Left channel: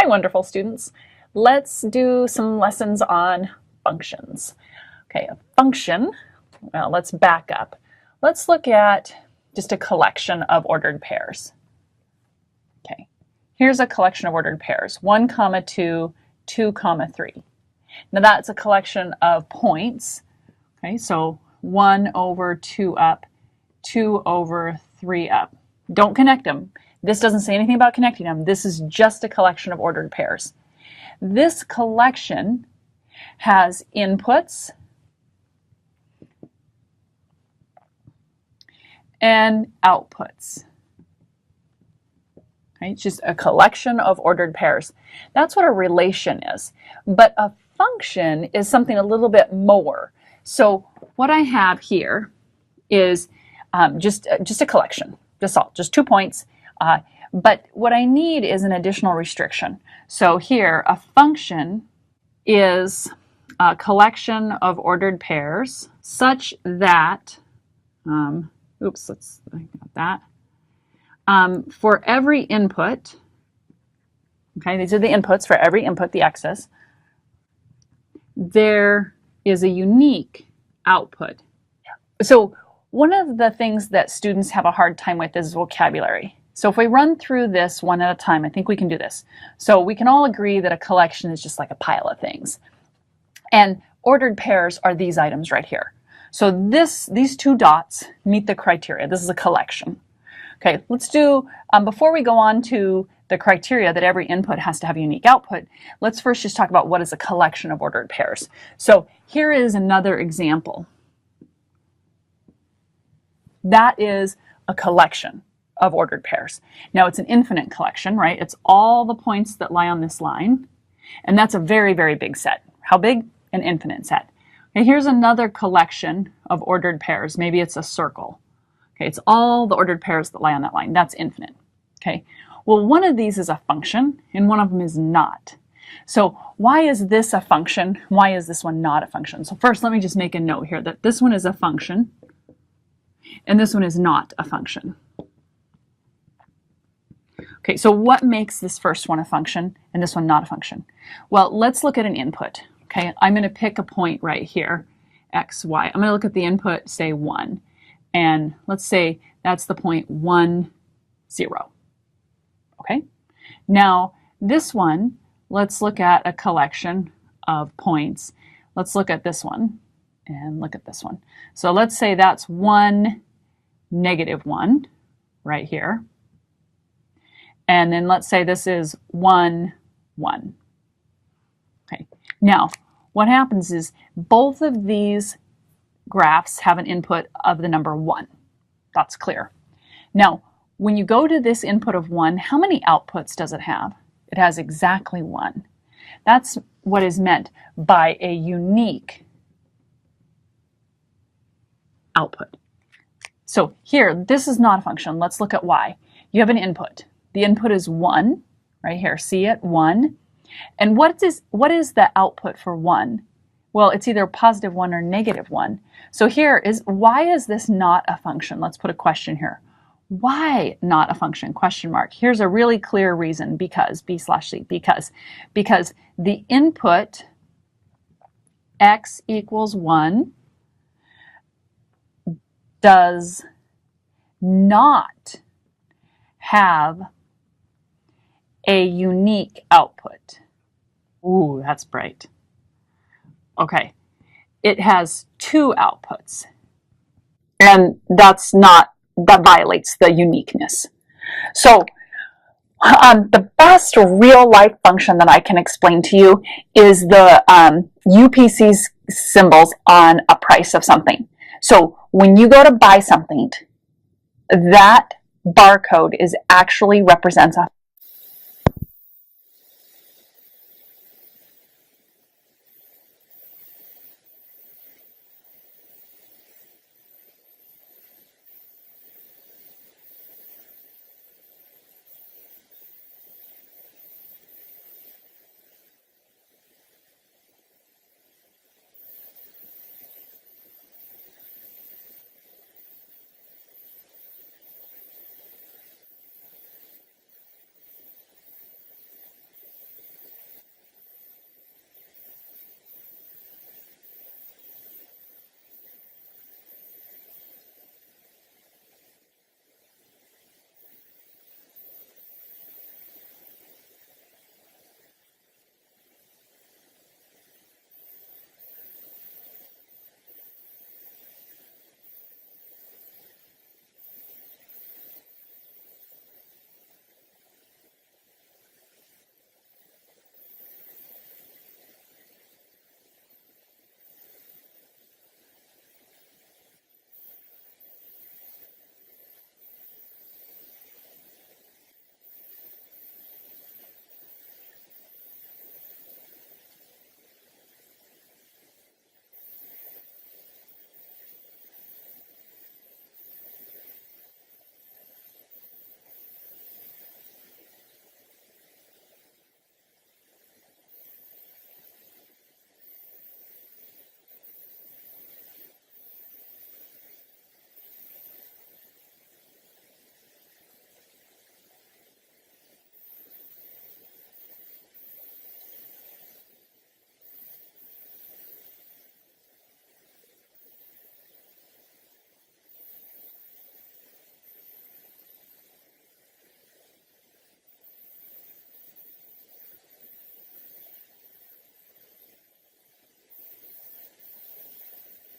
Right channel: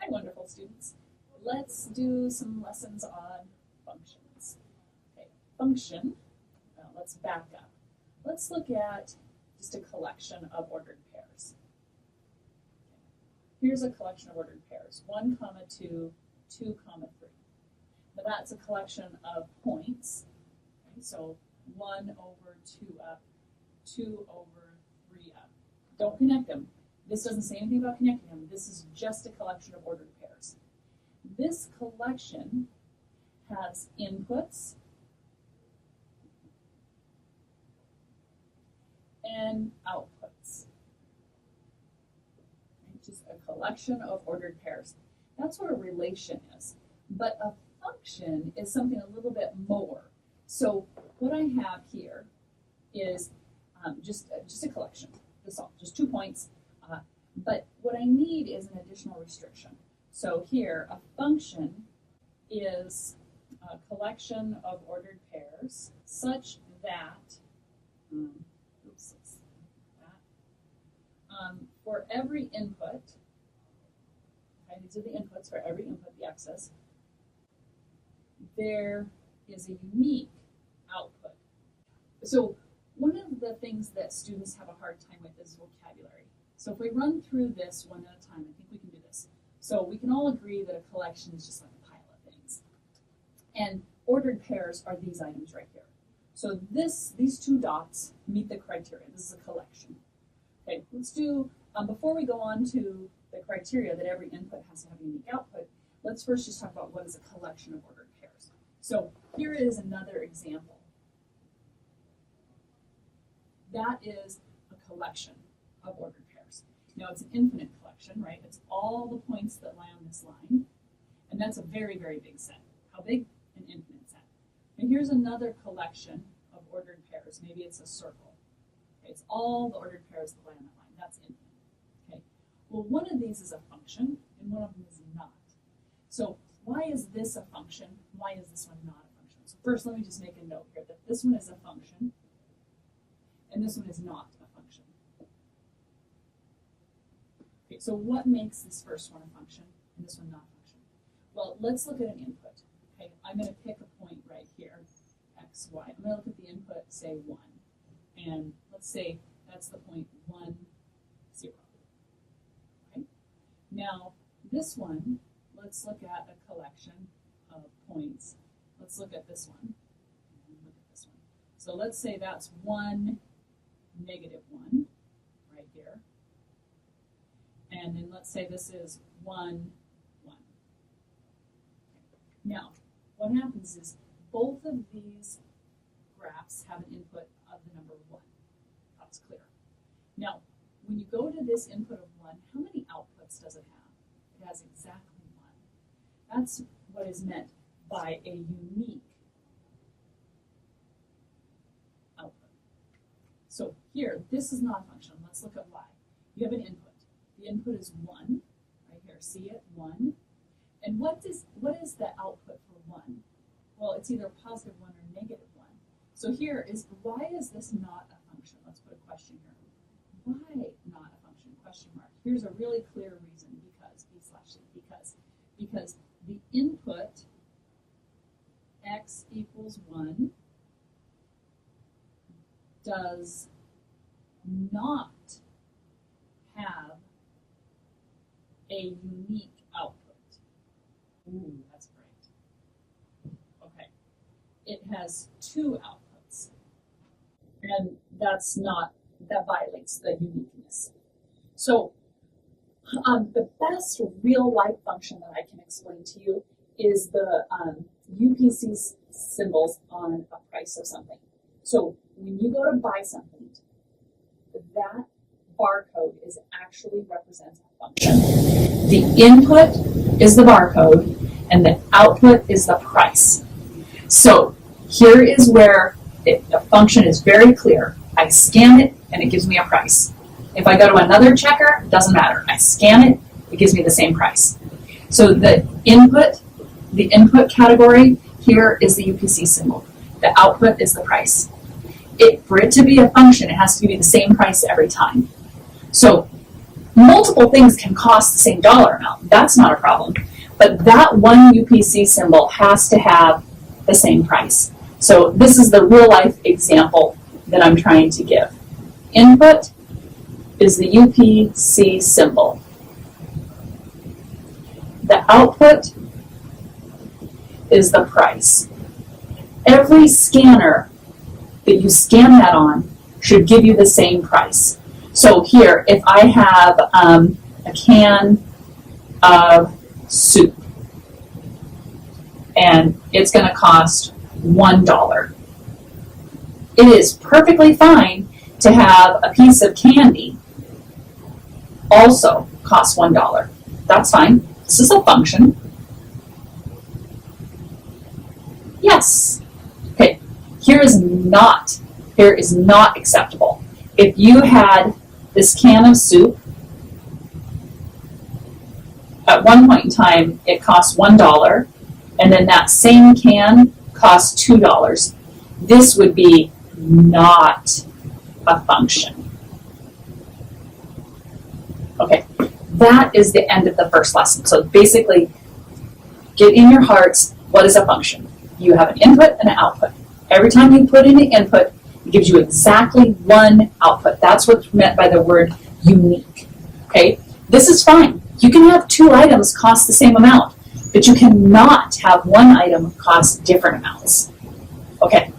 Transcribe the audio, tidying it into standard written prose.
Hi, wonderful students. Let's do some lessons on functions. Okay, a function, well, let's back up. Let's look at just a collection of ordered pairs. Okay, here's a collection of ordered pairs, 1, 2, 2, 3. Now that's a collection of points. Okay, so 1 over 2 up, 2 over 3 up. Don't connect them. This doesn't say anything about connecting them. This is just a collection of ordered pairs. This collection has inputs and outputs. Okay, it's just a collection of ordered pairs. That's what a relation is. But a function is something a little bit more. So what I have here is just a collection, just 2 points. But what I need is an additional restriction. So here, a function is a collection of ordered pairs such that, let's think about that. For every input, okay, these are the inputs for every input, the x's, there is a unique output. So one of the things that students have a hard time with is vocabulary. So if we run through this one at a time, I think we can do this. So we can all agree that a collection is just like a pile of things. And ordered pairs are these items right here. So these 2 dots meet the criteria. This is a collection. Okay, let's do, before we go on to the criteria that every input has to have a unique output, let's first just talk about what is a collection of ordered pairs. So here is another example. That is a collection of ordered pairs. Now it's an infinite collection, right? It's all the points that lie on this line. And that's a very, very big set. How big? An infinite set. Okay, here's another collection of ordered pairs. Maybe it's a circle. Okay, it's all the ordered pairs that lie on that line. That's infinite. Okay, well, one of these is a function and one of them is not. So why is this a function? Why is this one not a function? So first, let me just make a note here that this one is a function and this one is not a function. Okay, so what makes this first one a function and this one not a function? Well, let's look at an input. Okay, I'm going to pick a point right here, x, y. I'm going to look at the input, say 1. And let's say that's the point 1, 0. Okay, now this one, let's look at a collection of points. Let's look at this one and look at this one. So let's say that's 1, -1 right here. And then let's say this is 1, 1. Okay. Now, what happens is both of these graphs have an input of the number 1. That's clear. Now, when you go to this input of 1, how many outputs does it have? It has exactly 1. That's what is meant by a unique output. So here, this is not a function. Let's look at y. You have an input. The input is 1, right here. See it? 1. And what is the output for 1? Well, it's either +1 or -1. So here is, why is this not a function? Let's put a question here. Why not a function? Question mark. Here's a really clear reason. Because, B/C, because the input x equals 1 does not have a unique output. Ooh, that's bright. Okay, it has 2 outputs. And that violates the uniqueness. So the best real life function that I can explain to you is the UPC symbols on a price of something. So when you go to buy something, that barcode actually represents a function. The input is the barcode and the output is the price. So here is where the function is very clear. I scan it and it gives me a price. If I go to another checker, it doesn't matter. I scan it, it gives me the same price. So the input category here is the UPC symbol. The output is the price. For it to be a function, it has to be the same price every time. So multiple things can cost the same dollar amount. That's not a problem. But that one UPC symbol has to have the same price. So this is the real life example that I'm trying to give. Input is the UPC symbol. The output is the price. Every scanner that you scan that on should give you the same price. So here, if I have a can of soup, and it's going to cost $1. It is perfectly fine to have a piece of candy also cost $1. That's fine. This is a function. Yes. Okay. Here is not acceptable. If you had this can of soup, at one point in time it cost $1, and then that same can costs $2. This would be not a function. Okay, that is the end of the first lesson. So basically, get in your hearts, what is a function? You have an input and an output. Every time you put in an input, it gives you exactly one output. That's what's meant by the word unique. Okay, this is fine. You can have two items cost the same amount, but you cannot have one item cost different amounts. Okay,